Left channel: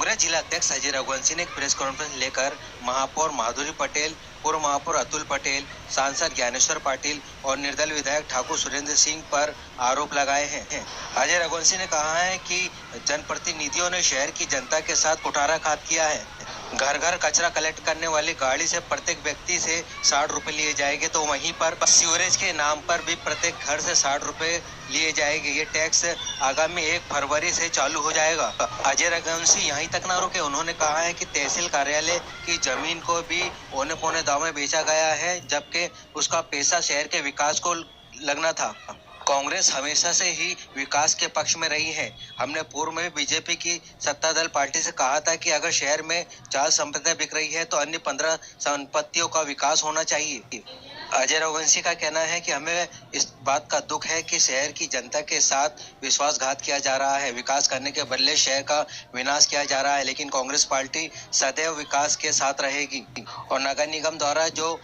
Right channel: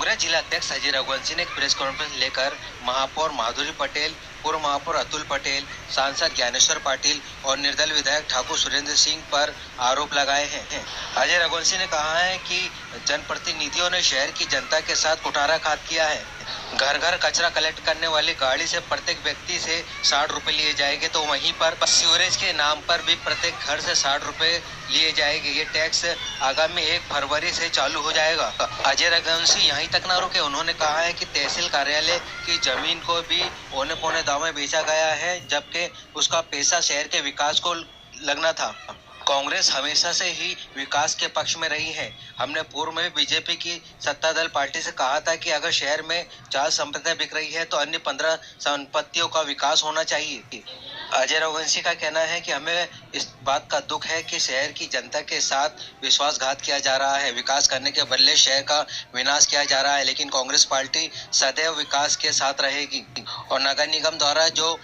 कांग्रेस जिला अध्यक्ष अजय रघुवंशी ने एक प्रेस कॉन्फ्रेंस लेकर महापौर माधुरी पटेल, पूर्व महापौर अतुल पटेल, सांसद ज्ञानेश्वर पाटिल और निर्दल विधायक ठाकुर सुरेंद्र सिंह पर आरोप लगाए हैं। अजय रघुवंशी ने कहा है कि जनप्रतिनिधियों ने शहर की जनता के साथ कुठाराघात किया है। घर घर कचरा कलेक्ट करने वाली गाड़ी से प्रत्येक व्यक्ति से 60 रुपए लिए जाएंगे, तो वहीं पर सीवरेज के नाम पर भी प्रत्येक घर से 60 रुपए लिए जाएंगे। ये टैक्स आगामी 1 फरवरी से चालू हो जाएगा। अजय रघुवंशी यहीं तक न रुके, उन्होंने कहा है कि तहसील कार्यालय की जमीन को भी औने पौने दाम में बेचा गया है, जबकि उसका पैसा शहर के विकास को लगना था। कांग्रेस हमेशा से ही विकास के पक्ष में रही है। हमने पूर्व में बीजेपी की सत्ता दल पार्टी से कहा था कि अगर शहर में 4 संपत्तियां बिक रही है तो अन्य 15 संपत्तियों का विकास होना चाहिए। अजय रघुवंशी का कहना है कि हमें इस बात का दुख है कि शहर की जनता के साथ विश्वासघात किया जा रहा है। विकास करने के बदले शहर का विनाश किया जा रहा है, लेकिन कांग्रेस पार्टी सदैव विकास के साथ रहेगी। और नगर निगम द्वारा जो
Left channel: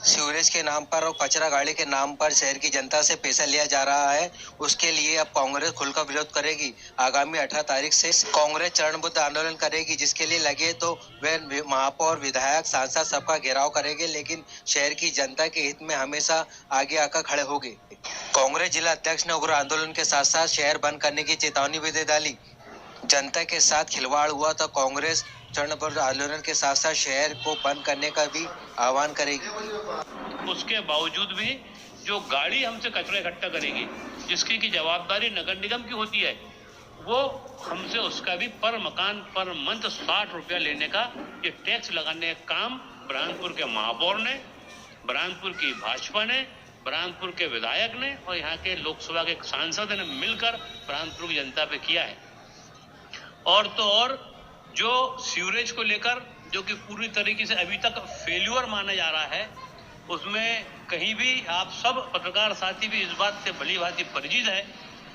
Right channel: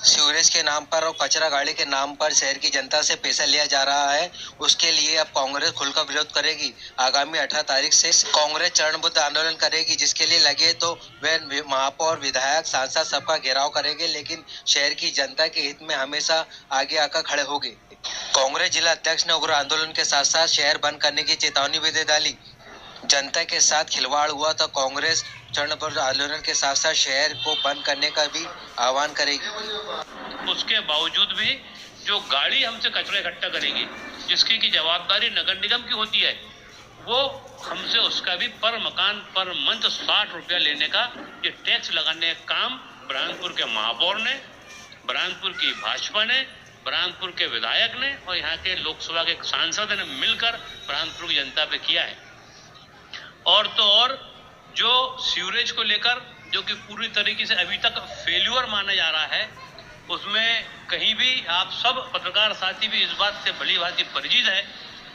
सीवरेज के नाम पर और कचरा गाड़ी के नाम पर शहर की जनता से पैसा लिया जा रहा है, उसके लिए अब कांग्रेस खुलकर विरोध करेगी। आगामी 18 तारीख से कांग्रेस चरणबद्ध आंदोलन करेगी, जिसके लिए लगे तो वे महापौर, विधायक, सांसद सबका घेराव करेंगे, लेकिन शहर की जनता के हित में हमेशा आगे आकर खड़े होंगे। कांग्रेस जिला अध्यक्ष ने उग्र आंदोलन के साथ साथ शहर बंद करने की चेतावनी भी दे डाली। जनता के साथ खिलवाड़ हुआ तो कांग्रेस चरणबद्ध आंदोलन के साथ साथ शहर को बंद करने का भी आह्वान करेगी। उसके बावजूद भी जो गाड़ी हमसे कचरा इकट्ठा करेगी, जिसकी की जवाबदारी नगर निगम की होती है, वो हमसे उसका भी पर मकान पर मंथ 60 रुपया लेने का ये टैक्स लगाने का काम बुरहानपुर के महापौर ने, बुरहानपुर की भाजपा ने, बुरहानपुर के विधायक ने और यहाँ के लोकसभा के सांसद ने मिलकर बुरहानपुर की जनता पे किया है। और तो और जो सीवरेज को लेकर जो कि पूरी तरीके से अभी तक फेल्यूर माना जा रहा है, उसमें कहीं भी आप सब पत्रकार साथी भी इस बात से भली भांति परिचित है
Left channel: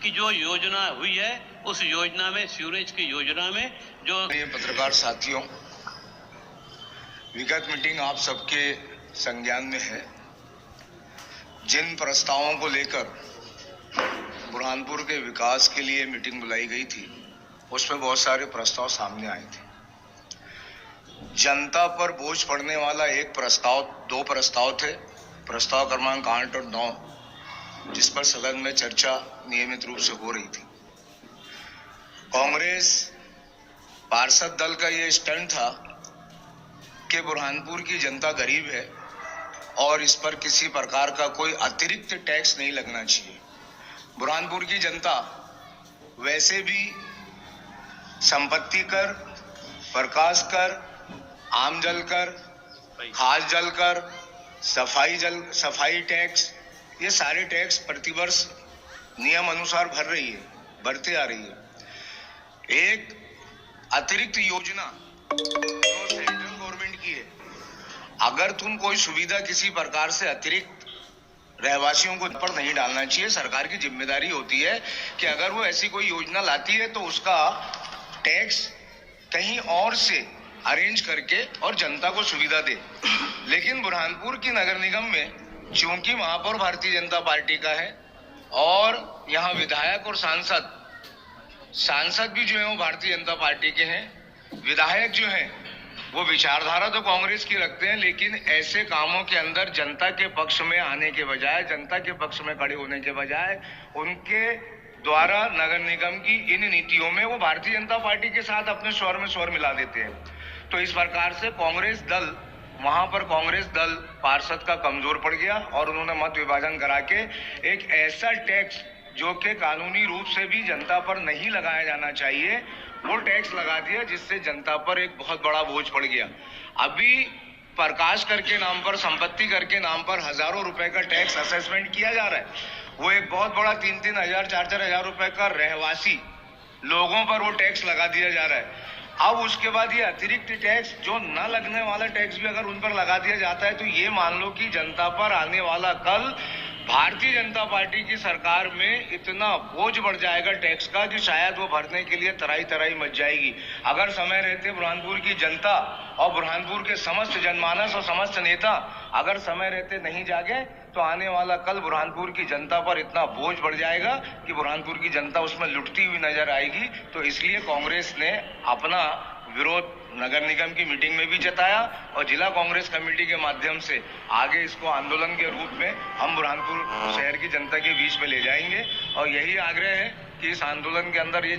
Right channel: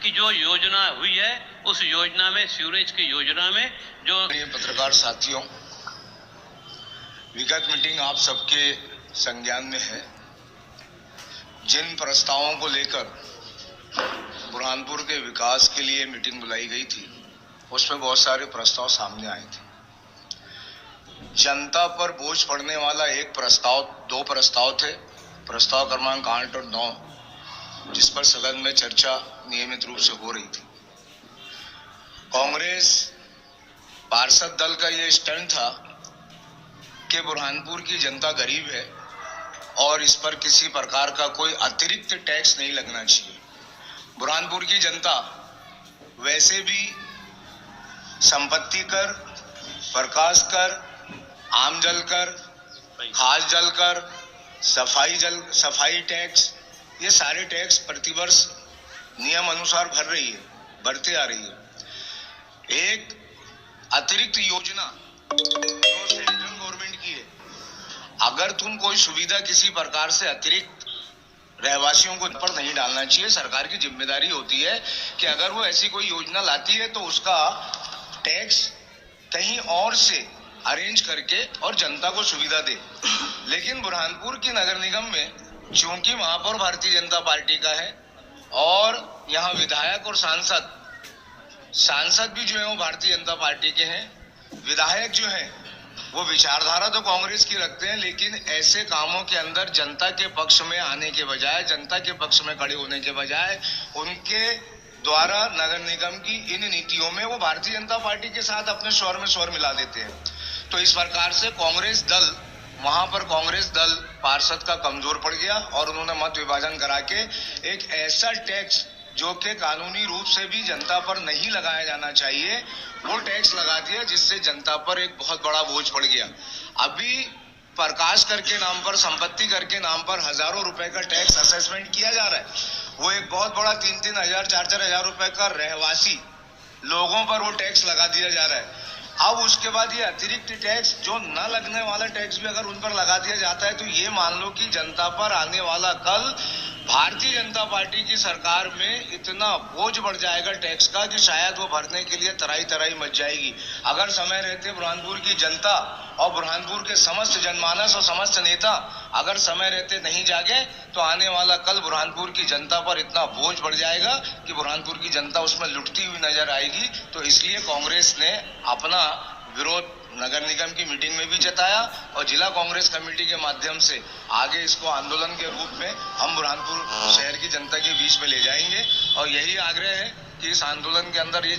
कि जो योजना हुई है उस योजना में, सीवरेज की योजना में जो पत्रकार साथियों, विगत मीटिंग आप सबके संज्ञान में है। जिन प्रस्तावों को लेकर बुरहानपुर के विकास के लिए मीटिंग बुलाई गई थी, उसमें बहुत सारे प्रस्ताव सामने आए थे। जनता पर बोझ पड़ने वाला दो प्रस्ताव थे, प्रस्ताव क्रमांक 8 और 9, जिस पर सदन में चर्चा नियमित रूप से हो रही थी। कांग्रेस पार्षद दल का ये स्टैंड था कि बुरहानपुर की जनता गरीब है और इस पर किसी प्रकार का कोई अतिरिक्त टैक्स नहीं लगना चाहिए। बुरहानपुर की जनता वैसे भी संपत्ति कर, प्रकाश कर, आम जल कर, खास जल कर, सफाई टैक्स, ये सारे टैक्स प्रतिवर्ष नियम अनुसार भरते आ रही है। एक अतिरिक्त योजना जो सेंट्रल गवर्नमेंट की है, अगर तुम कोई सुविधा किसी प्रकार से अतिरिक्त रहवासियों को पर नहीं डालना चाहिए। सरकार की जिम्मेदारी होती है कि अगर वो ऐसी कोई योजना लाती है तो उसका टैक्स कहीं और से अरेंज करके और जनता को सुविधा दे। लेकिन बुरहानपुर की नगर निगम में चूंकि महापौर भारतीय जनता पार्टी का है और यहाँ विधायक और सांसद भी जो है वो भारतीय जनता पार्टी के हैं, विधायक जो हैं वो विचारधारा तो कांग्रेस की रखते हैं, लेकिन ऐसे कामों के अंदर जनता के पक्ष में आने के बजाय, जनता के पक्ष में खड़े होने के बजाय उनके द्वारा नगर निगम की इन नीतियों में वो भारतीय जनता पार्टी के साथ अपने स्वर में स्वर मिला देते हैं। तो इस प्रकार से वहां पर कांग्रेस दल पार्षद का कमजोर पड़ गया और उन्होंने मत विभाजन करा के एक ऐसा टैक्स जो कि कानूनी रूप से भी जनता पर नहीं लगाया जाना चाहिए, वो टैक्स लगा दिया, जिससे जनता पर एक बहुत बड़ा बोझ पड़ गया। अभी प्रकाश कर के नाम पर, संपत्ति कर के नाम पर हजारों रुपए का टैक्स असेसमेंट किया जा रहा है। वो एक बहुत बड़ा 3-3 हजार, 4-4 हजार रुपए का रहवासी लोगों पर वो टैक्स लगा दिया जा रहा है। अब उसके बाद ये अतिरिक्त टैक्स, जो न लगने वाला टैक्स भी अगर उन पर लगा दिया जाता है, तो ये मान लो कि जनता पर आने वाला कल भारतीय जनता पार्टी की सरकार में इतना बोझ बढ़ जाएगा टैक्स का कि शायद वो भरने के लिए तराई तराई मच जाएगी। अगर समय रहते बुरहानपुर की जनता और बुरहानपुर के समस्त जनमानस और समस्त नेता अगर समय रहते नहीं जागे तो आने वाला कल बुरहानपुर की जनता पर इतना बोझ बढ़ जाएगा कि बुरहानपुर की जनता उसमें लुटती हुई नजर आएगी। तो इसलिए कांग्रेस ने अपना विरोध नगर निगम की मीटिंग में भी जताया और जिला कांग्रेस कमेटी के माध्यम से आगे इसको आंदोलन के रूप में हम बुरहानपुर शहर की जनता के बीच में ले जाएंगे और यही आग्रह है कि इस आंदोलन के अंदर ये